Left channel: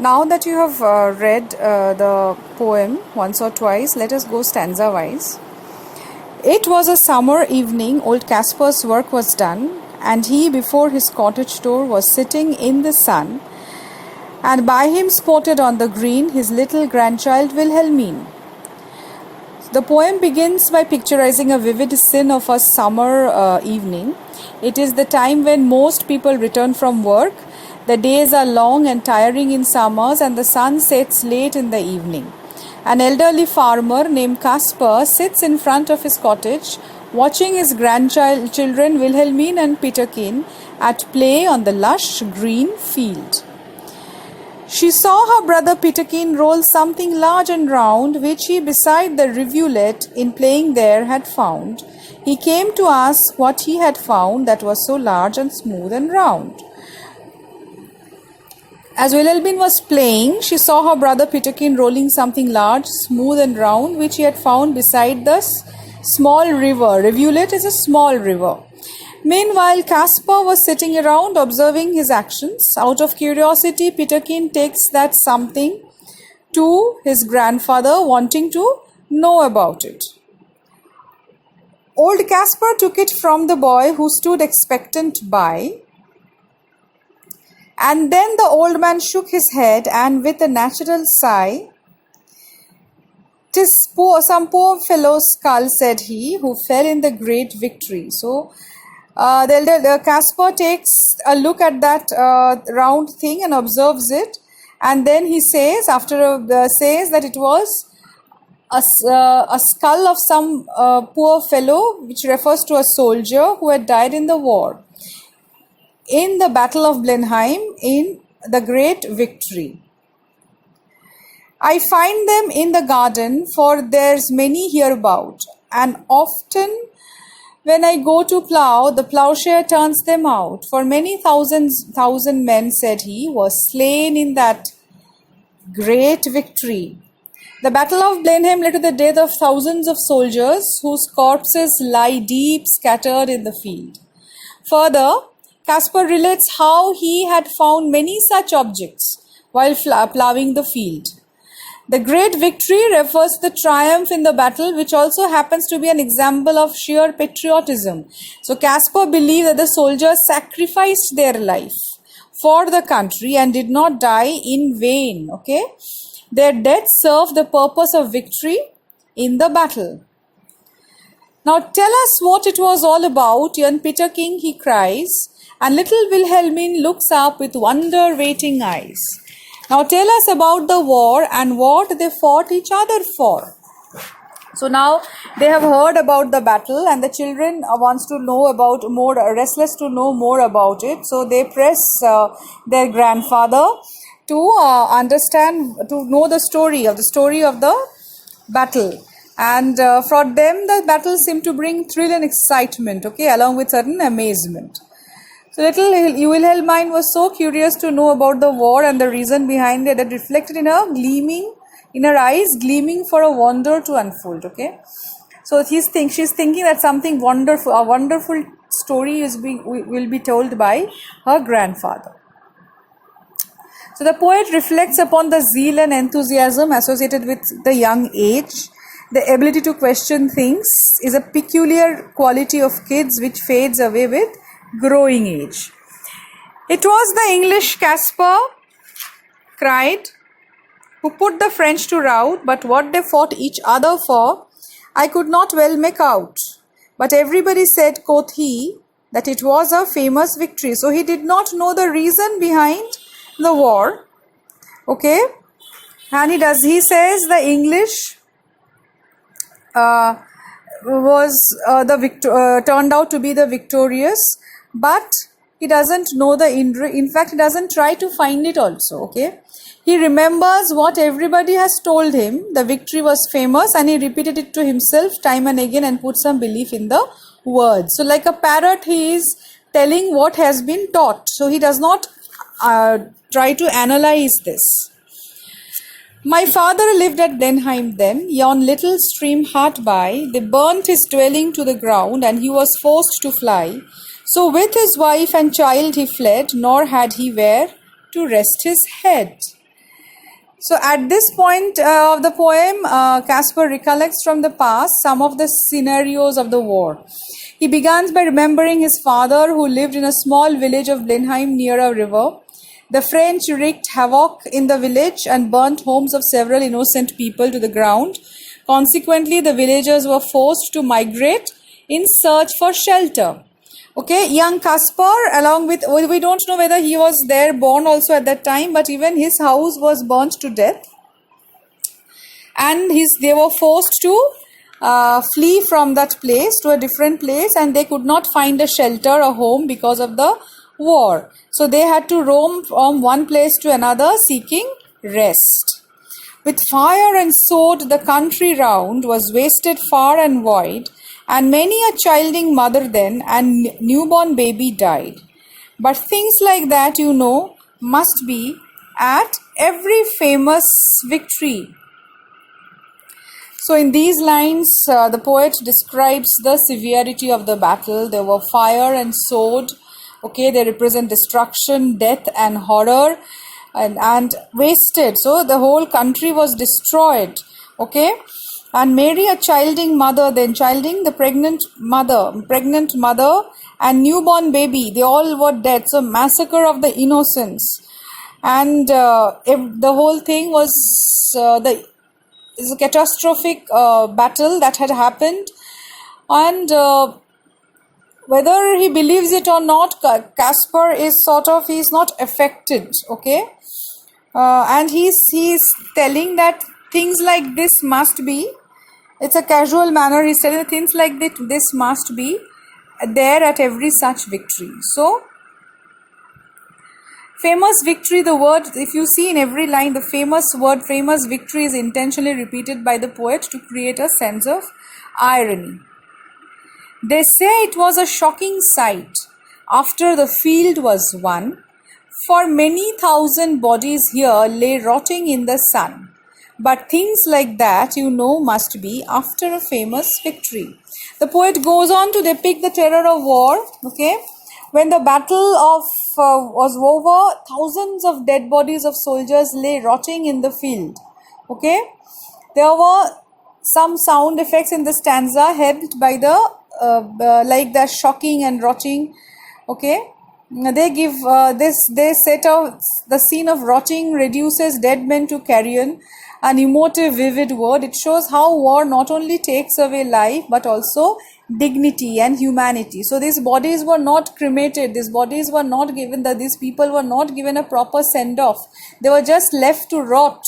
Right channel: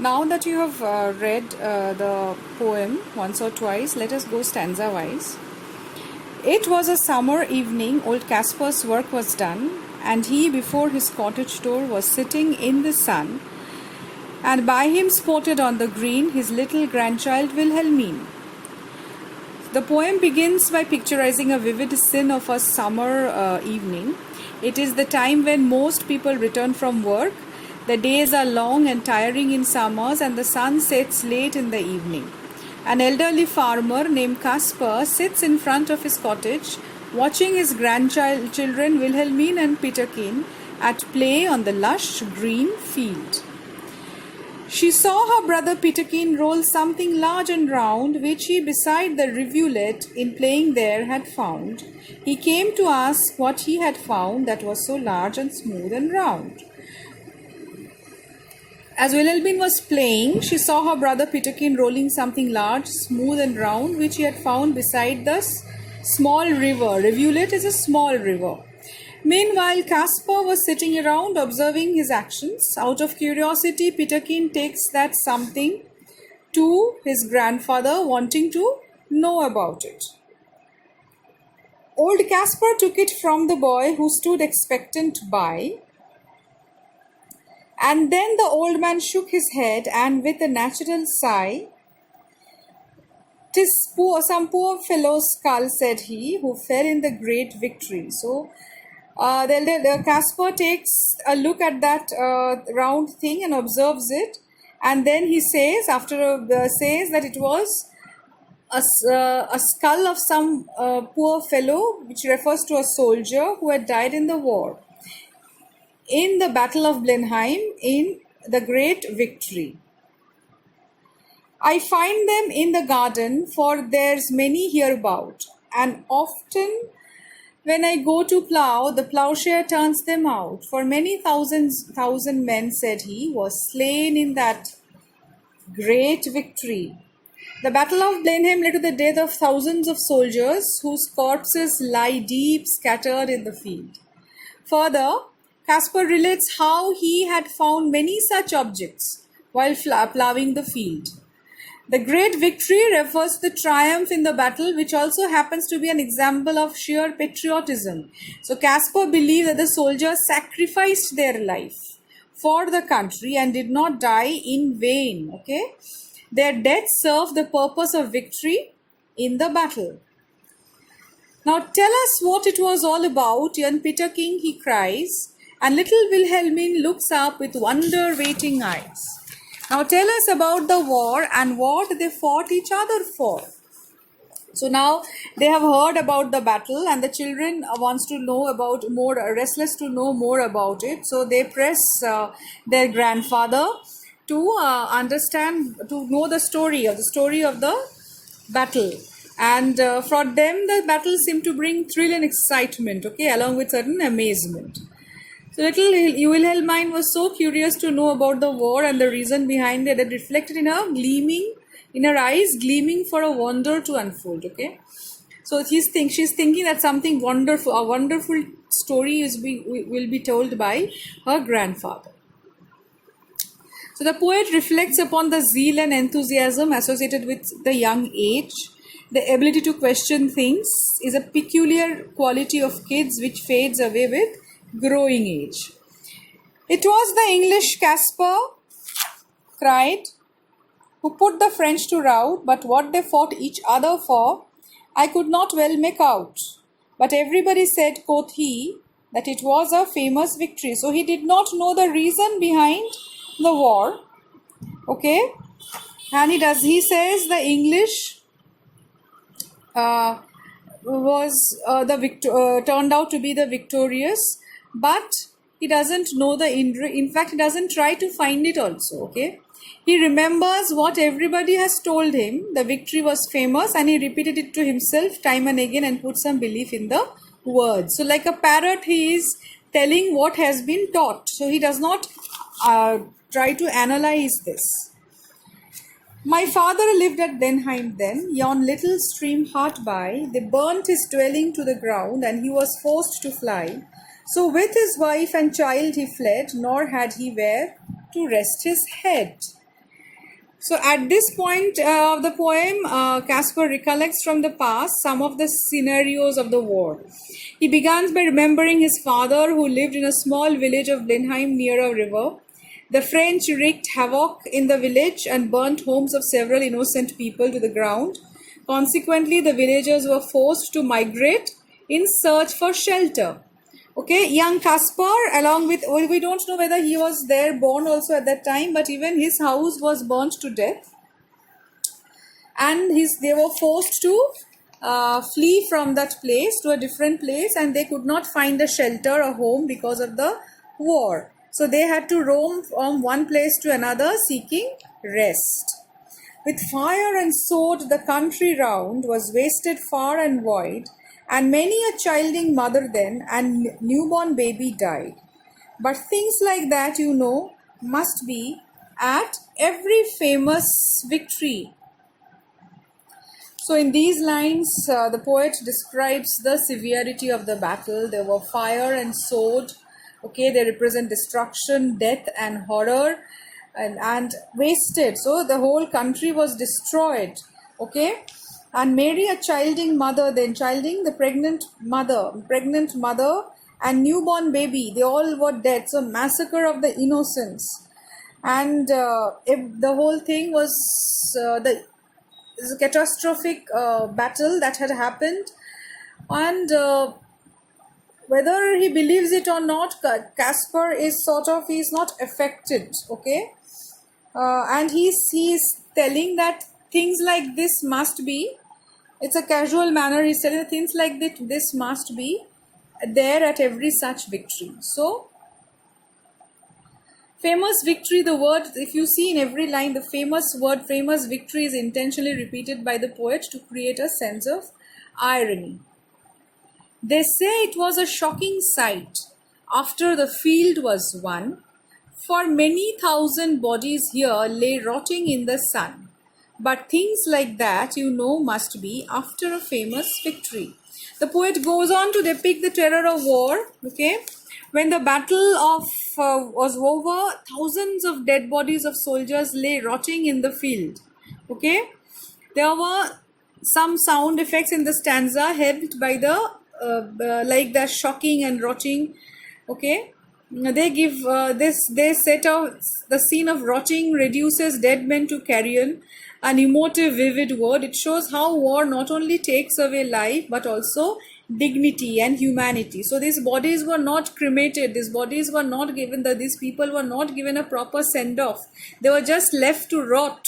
Now that you have read the poem once or twice, let us go stanza wise. It was a summer evening, old Caspar's work was done, and he before his cottage door was sitting in the sun, and by him spotted on the green his little grandchild Wilhelmine. The poem begins by picturizing a vivid scene of a summer evening. It is the time when most people return from work. The days are long and tiring in summers, and the sun sets late in the evening. An elderly farmer named Caspar sits in front of his cottage, watching his grandchildren Wilhelmine and Peterkin at play on the lush green field. She saw her brother Peterkin roll something large and round, which he beside the rivulet in playing there had found. He came to ask what he had found that was so large and smooth and round. As Wilhelmine was playing, she saw her brother Peterkin rolling something large, smooth and round, which he had found beside the small river. Rivulet is a small river. Meanwhile, Caspar was sitting around observing his actions. Out of curiosity, Peterkin takes that something to his grandfather, wanting to know about it. Old Caspar took it from the boy, who stood expectant by. And then the old man shook his head, and with a natural sigh, "'Tis some poor fellow's skull," said he, "who fell in the great victory." So the Caspar takes a look at that round thing and observes it, and then he says, says that it was a skull of some poor fellow, which refers to a soldier who had died in the war, in the Battle of Blenheim, in the great victory. "I find them in the garden, for there's many hereabout, and often when I go to plough, the ploughshare turns them out. For many thousand men," said he, "was slain in that great victory. The Battle of Blenheim led to the death of thousands of soldiers, whose corpses lie deep scattered in the field." Further, Caspar relates how he had found many such objects while ploughing the field. The great victory refers to the triumph in the battle, which also happens to be an example of sheer patriotism. So Caspar believed that the soldiers sacrificed their life for the country and did not die in vain. Okay, their death served the purpose of victory in the battle. "Now tell us what it was all about, young Peterkin," he cries, and little Wilhelmine looks up with wonder-waiting eyes. "Now tell us about the war and what they fought each other for." So now they have heard about the battle, and the children wants to know about more, restless to know more about it. So they press their grandfather to understand, to know the story of the battle. And for them, the battle seemed to bring thrill and excitement, okay, along with certain amazement. So little Wilhelmine was so curious to know about the war and the reason behind it, that reflected in her eyes, gleaming for a wonder to unfold. Okay, so she's thinking that something wonderful, a wonderful story will be told by her grandfather. So the poet reflects upon the zeal and enthusiasm associated with the young age. The ability to question things is a peculiar quality of kids which fades away with growing age. "It was the English," Caspar cried, "who put the French to rout, but what they fought each other for, I could not well make out. But everybody said," quoth he, "that it was a famous victory." So he did not know the reason behind the war. Okay, and he says the English turned out to be the victorious, but he doesn't know in fact he doesn't try to find it also. Okay, he remembers what everybody has told him, the victory was famous, and he repeated it to himself time and again and put some belief in the words. So like a parrot, he is telling what has been taught, so he does not try to analyze this. "My father lived at Blenheim then, yon little stream hard by. They burnt his dwelling to the ground, and he was forced to fly. So with his wife and child he fled, nor had he where to rest his head." So at this point of the poem, Caspar recollects from the past some of the scenarios of the war. He begins by remembering his father, who lived in a small village of Blenheim near a river. The French wreaked havoc in the village and burnt homes of several innocent people to the ground. Consequently, the villagers were forced to migrate in search for shelter. Okay, young Caspar, along with, we don't know whether he was there born also at that time, but even his house was burnt to death, and they were forced to flee from that place to a different place, and they could not find a shelter, a home, because of the war. So they had to roam from one place to another seeking rest. With fire and sword, the country round was wasted far and wide, and many a childing mother then and newborn baby died. But things like that, must be at every famous victory. So, in these lines, the poet describes the severity of the battle. There were fire and sword. Okay, they represent destruction, death, and horror, and wasted. So, the whole country was destroyed. Okay, and Mary, a childing mother, the pregnant mother, and newborn baby, they all were dead. So, massacre of the innocents, and the whole thing was is a catastrophic battle that had happened, and whether he believes it or not, Caspar is he's not affected. Okay, and he's telling that things like this must be. It's a casual manner. He's telling things like this must be there at every such victory. So, famous victory, the word, if you see in every line, the famous victory is intentionally repeated by the poet to create a sense of irony. They say it was a shocking sight after the field was won, for many thousand bodies here lay rotting in the sun. But things like that, must be after a famous victory. The poet goes on to depict the terror of war. Okay, when the battle was over, thousands of dead bodies of soldiers lay rotting in the field. Okay, there were some sound effects in the stanza helped by the like the shocking and rotting. Okay, they give they set out the scene of rotting reduces dead men to carrion, an emotive, vivid word. It shows how war not only takes away life but also dignity and humanity. So these bodies were not cremated. These bodies were not given these people were not given a proper send off. They were just left to rot.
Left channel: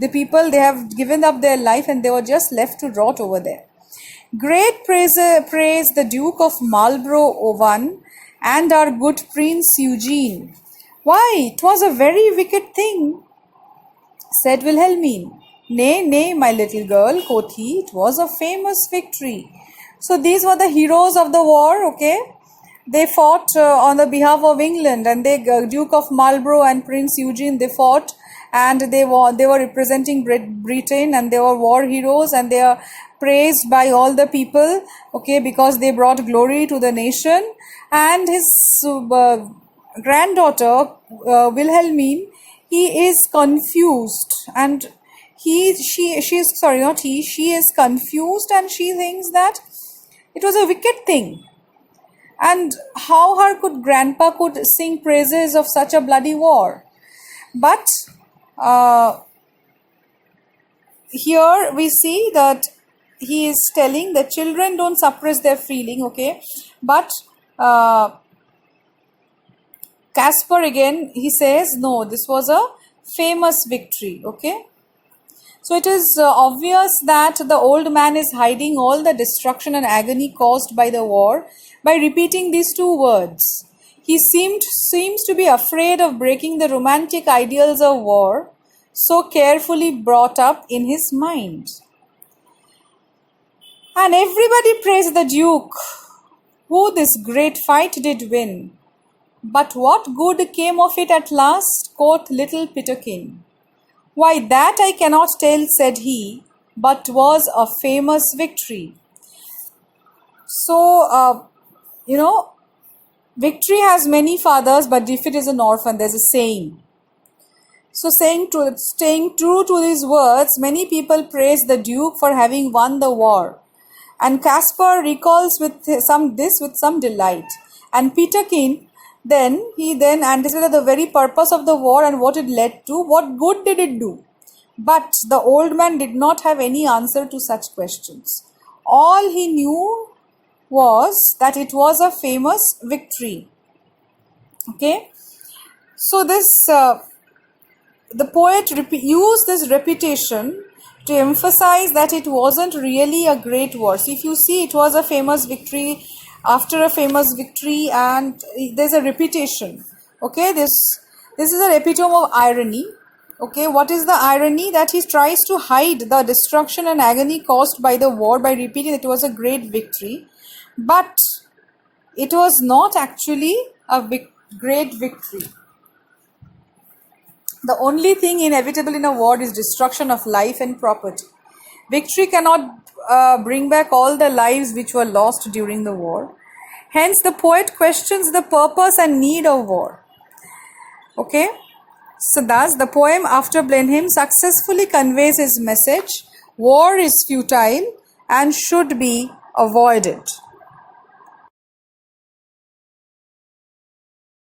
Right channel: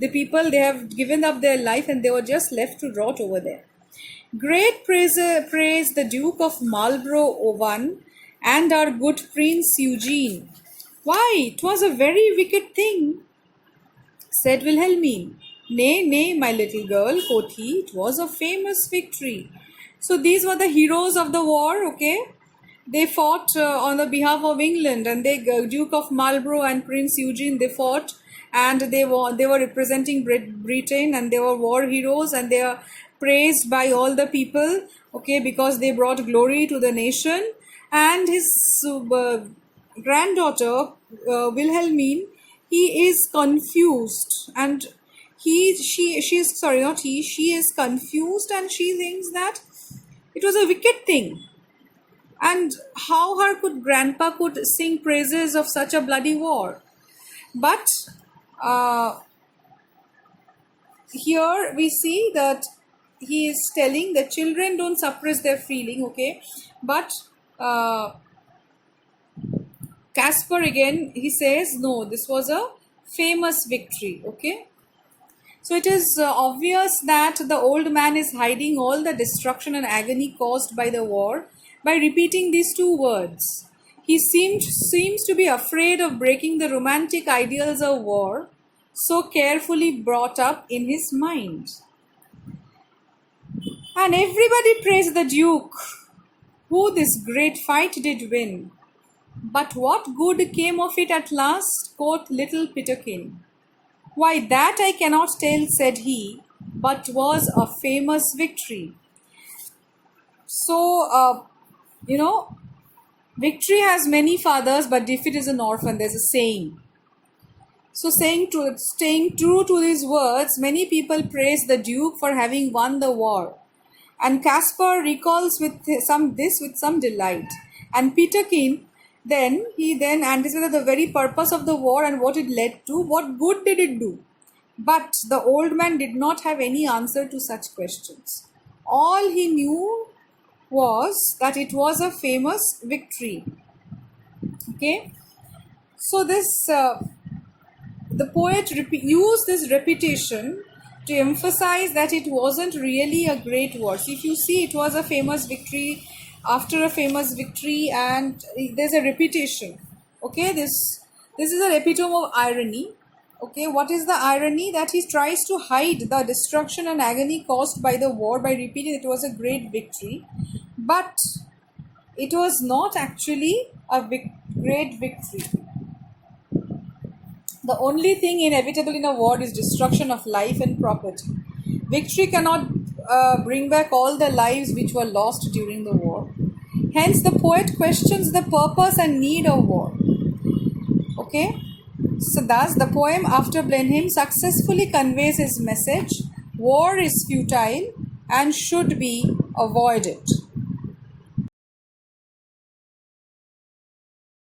The people, they have given up their life and they were just left to rot over there. Great praise the Duke of Marlborough Owen and our good Prince Eugene. Why, 'twas a very wicked thing, said Wilhelmine. Nay, nay, my little girl, quoth he, it was a famous victory. So these were the heroes of the war. Okay, they fought on the behalf of England, and Duke of Marlborough and Prince Eugene, they fought, and they were representing Britain, and they were war heroes, and they are praised by all the people. Okay, because they brought glory to the nation. And his granddaughter Wilhelmine, he is confused, and she is confused, and she thinks that it was a wicked thing, and how her grandpa could sing praises of such a bloody war. But here we see that he is telling the children don't suppress their feeling. Okay, but Caspar again, he says, no, this was a famous victory. Okay, so it is obvious that the old man is hiding all the destruction and agony caused by the war by repeating these two words. He seems to be afraid of breaking the romantic ideals of war so carefully brought up in his mind. And everybody praised the Duke, who this great fight did win. But what good came of it at last, quoth little Peterkin. Why, that I cannot tell, said he, but was a famous victory. So, victory has many fathers, but defeat is an orphan. There's a saying. So, staying true to these words, many people praise the Duke for having won the war. And Caspar recalls with some delight. And Peterkin then anticipated the very purpose of the war and what it led to. What good did it do? But the old man did not have any answer to such questions. All he knew was that it was a famous victory. Okay, so the poet used this repetition to emphasize that it wasn't really a great war. So if you see, it was a famous victory after a famous victory, and there's a repetition. Okay, this is an epitome of irony. Okay, what is the irony? That he tries to hide the destruction and agony caused by the war by repeating that it was a great victory, but it was not actually a great victory. The only thing inevitable in a war is destruction of life and property. Victory cannot bring back all the lives which were lost during the war. Hence, the poet questions the purpose and need of war. Okay? So, thus, the poem after Blenheim successfully conveys his message: war is futile and should be avoided.